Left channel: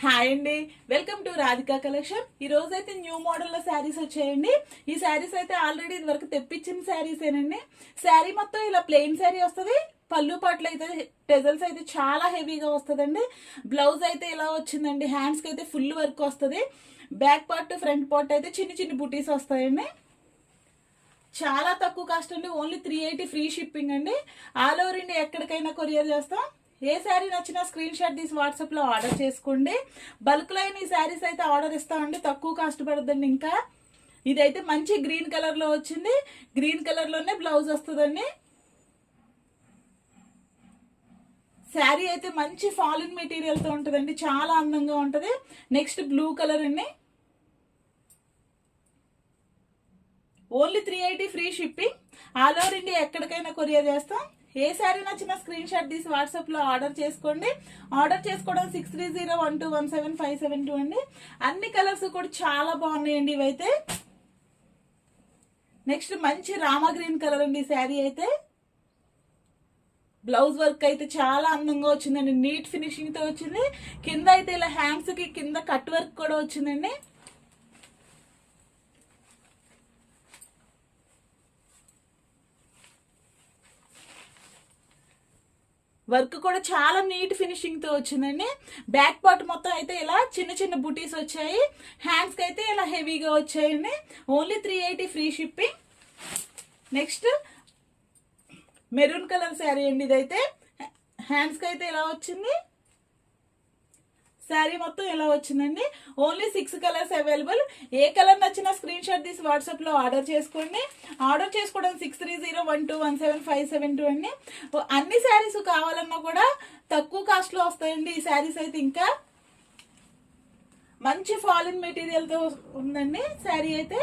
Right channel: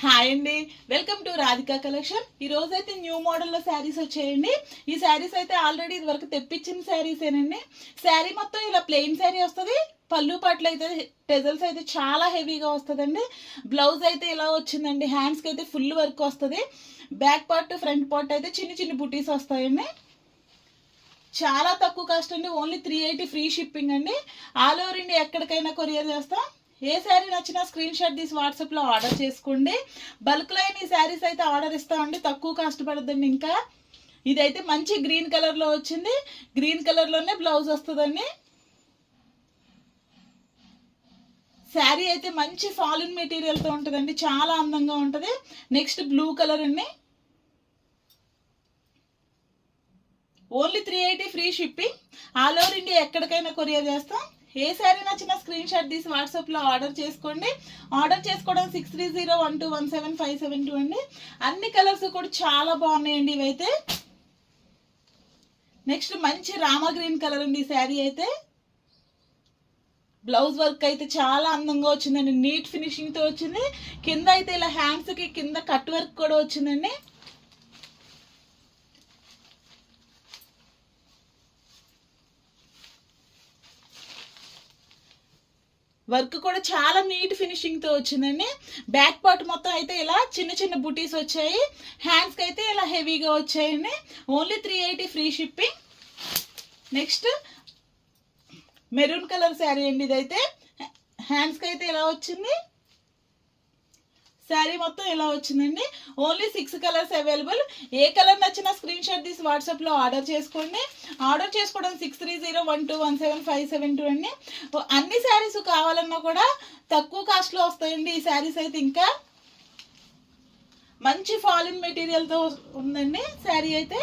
Hi అండి, welcome to Radhika collection. ఈ రోజు అయితే న్యూ మోడల్లో శారీస్ వచ్చాయండి. ఈ శారీస్ అయితే ఆల్రెడీ ఇది వరకు తెప్పించిన శారీసేనండి. శారీ మొత్తం ఇలా ప్లెయిన్ శారీ వస్తుంది. పళ్ళు పాటలు అయితే టెజల్స్ అయితే చాలా హెవీగా వస్తుందండి. బ్లౌజ్ అయితే ఇలా వచ్చిందండి. హ్యాండ్స్కి అయితే ఫుల్ వర్క్ వస్తుంది. బ్యాక్ పార్ట్ ఫ్రంట్ పార్ట్ అయితే చిన్న చిన్న బుటీస్ వస్తాయండి. చాలా తక్కువ కాస్ట్ అండి. ఓన్లీ 380 ఫ్రీ షిప్పింగ్ అండి. ఆల్ ఓవర్ ఇండియా ఎక్కడికైనా కొరియర్ చేస్తాం. ఏ శారీ నచ్చినా స్క్రీన్ షాట్ తీసి వాట్సాప్లో ఆర్డర్ చేసుకోండి. బల్క్లో అయిన ఈ శారీస్ అయితే ఆర్డర్ ఇస్తామండి. తక్కువ కాస్ట్ పడుతుందండి. ఇంకా ఇదైతే మంచి గ్రీన్ కలర్లో వచ్చింది. గ్రీన్ కలర్లోనే బ్లౌజ్ వస్తుందండి. శారీ అయితే మంచి ఫాలిన్ మెటీరియల్తో ఉంటుందండి. చాలా అందంగా ఉంటుంది. నెక్స్ట్ బ్లూ కలర్ అండి. Only 380 free shipping. All over India ఎక్కడికైనా కొరియర్ చేస్తాం. ఏ శారీ నచ్చిన స్క్రీన్ షాట్ తీసి వాట్సాప్లో ఆర్డర్ చేసుకోండి. ఆర్డర్ చేసుకోవడం 6301217572 అండి. అన్ని కలర్స్ కూడా చాలా బాగున్నాయండి ఇవైతే. నెక్స్ట్ మంచి రామా గ్రీన్ కలర్ అండి ఈ శారీ అయితే. బ్లౌజ్ వర్క్ అయితే చాలా అందంగా వచ్చిందండి. నీట్ ఫినిషింగ్తో వచ్చింది. కింద అయితే ఇలా హ్యాండ్స్కి కింద కట్ వర్క్ కూడా వచ్చిందండి. వర్క్ కూడా చాలా నీట్ ఫినిషింగ్తో వచ్చిందండి. బ్యాక్ పార్ట్ మొత్తం అయితే ఇలా చిన్న చిన్న బుటీస్ వచ్చాయి. హ్యాండ్స్కి అయితే ఇలా హెవీగా వచ్చాయండి. Only 380 free shipping. Next maroon colour sari అండి ఇదైతే. హ్యాండ్స్కి అయితే ఇలా వచ్చింది. శారీ మొత్తం ఇలా వచ్చిందండి. Only 6 colours available. ఏ కలర్ నచ్చినా స్క్రీన్ షాట్ తీసి వాట్సాప్లో ఆర్డర్ చేసుకోండి. ఆర్డర్ చేసుకోవడం 6301217572 అండి. అన్ని శారీస్ కావాలన్నా కూడా తక్కువ కాస్ట్లో వస్తాయండి ఈ శారీస్ అయితే. ఇంకా మంచి ఫాలిన్ మెటీరియల్తో ఉందండి శారీ అయితే.